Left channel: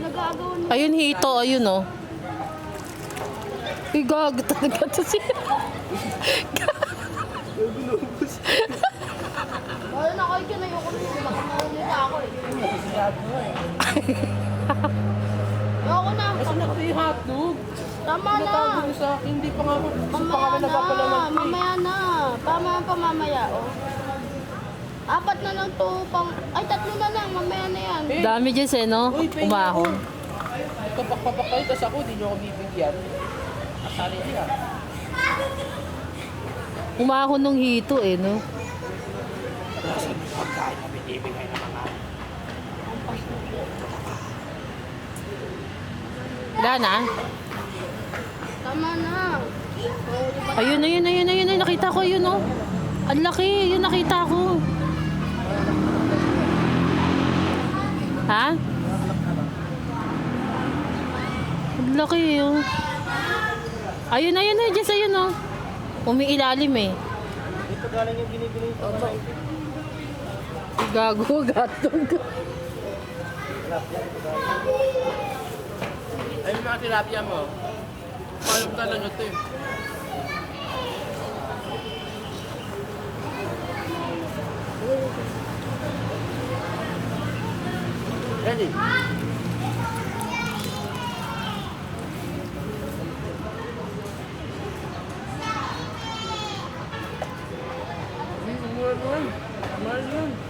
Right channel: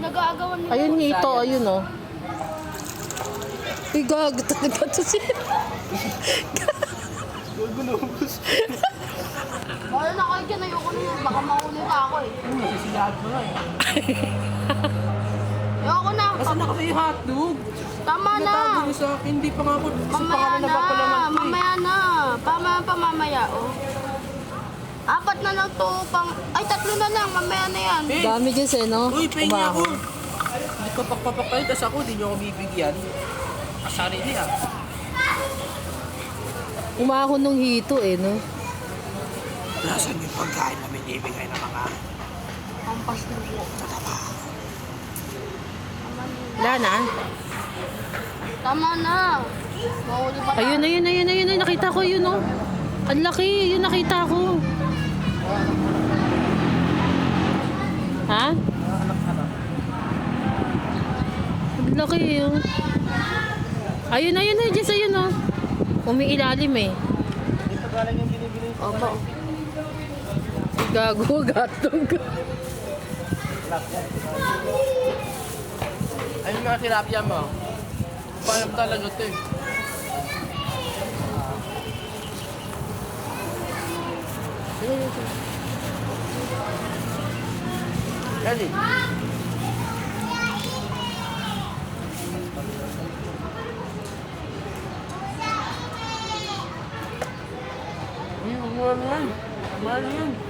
Nag-aagawan mo. Ayun hito, ayun oh. Uy, gag, talaga to siya. Wala na kayo dyan, ayoko na yun. Baka maumura ako eh. Ayoko na. Nasaan na kasi yung hotdog? Tama na. Natago niyo sa akin, hindi pa nga ako. Mamaya na. Mamaya na. Mamaya. Oh. 4 na lang to. Ay, 3 na lang. Mamaya na yan. Dami dyan siya, no? Uy, pahingi ako. Umahon. Hindi ko papapapay, tas ako, di niyo ako bibigyan. Masari niya. Umahon nung hito eh, no? Nasaan yung pagkain na may ibigay na mga... Wala na. Tama na. Mahuli ba? Ayun. Nakita ko yun, no? Ang laki, yun nakita ko. Ha? Ang laki, yun. Ayun, Jess, ayun, no? Umiilalim eh. Hindi pa galing yung binibigay ko. Gago, gatog. Ano yung mga tilapia mo? Parang talaga ito eh. Yan eh. Mahal yan.